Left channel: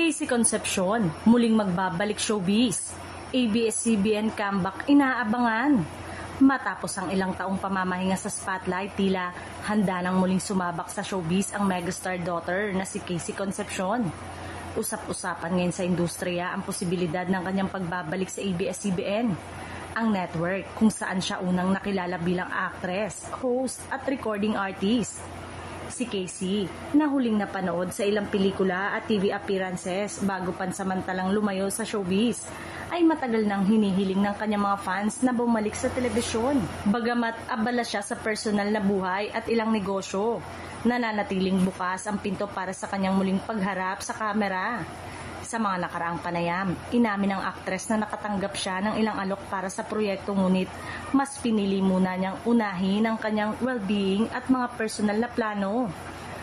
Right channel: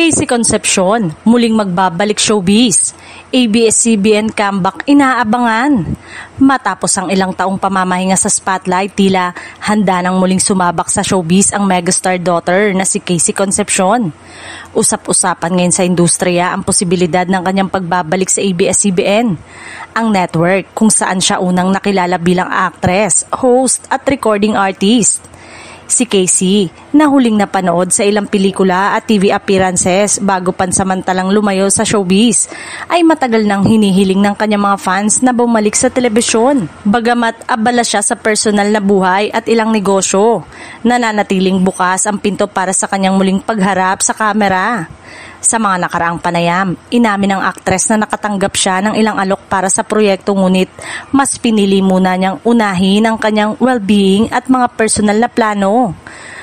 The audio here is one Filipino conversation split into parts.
Casey Concepcion, muling magbabalik showbiz. ABS-CBN comeback inaabangan. Matapos ang ilang taong pamamahinga sa spotlight, tila handa nang muling sumabak sa showbiz ang megastar daughter na si Casey Concepcion. Usap-usapan ngayon sa industriya ang posibilidad ng kanyang pagbabalik sa ABS-CBN, ang network kung saan siya unang nakilala bilang actress, host at recording artist. Si Casey, na huling napanood sa ilang pelikula at TV appearances bago pansamantalang lumayo sa showbiz, ay matagal nang hinihiling ng kanyang mga fans na bumalik sa telebisyon. Bagamat abala siya sa personal na buhay at ilang negosyo, nananatiling bukas ang pinto para sa kanyang muling pagharap sa kamera. Sa mga nakaraang panayam, inamin ng aktres na nakatanggap siya ng ilang alok para sa proyekto, ngunit mas pinili muna niyang unahin ang kanyang well-being at mga personal na plano.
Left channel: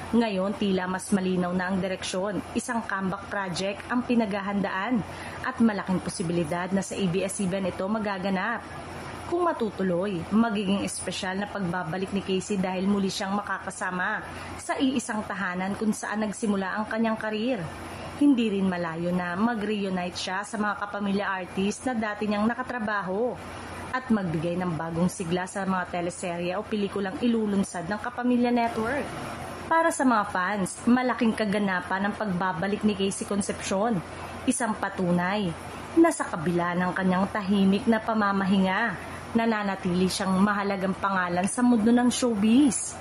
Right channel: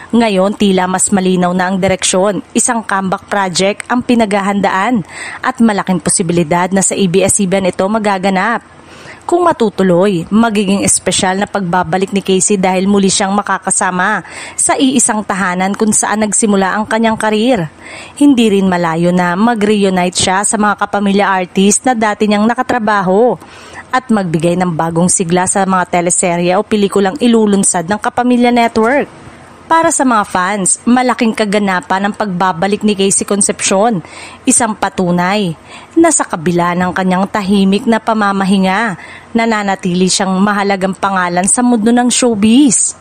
Ngayon, tila mas malinaw na ang direksyon, isang comeback project ang pinaghahandaan at malaking posibilidad na sa ABS-CBN ito magaganap. Kung matutuloy, magiging espesyal na pagbabalik ni Casey dahil muli siyang makakasama sa iisang tahanan kung saan nagsimula ang kanyang karir. Hindi rin malayo na mag-reunite siya sa mga kapamilya artist na dati niyang nakatrabaho at magbigay ng bagong sigla sa mga teleserye o pelikulang ilulunsad ng Kapamilya Network. Para sa mga fans, malaking kaganapan ang pagbabalik ni Casey Concepcion, isang patunay na sa kabila ng kanyang tahimik na pamamahinga, nananatili siyang mahalagang pangalan sa mundo ng showbiz.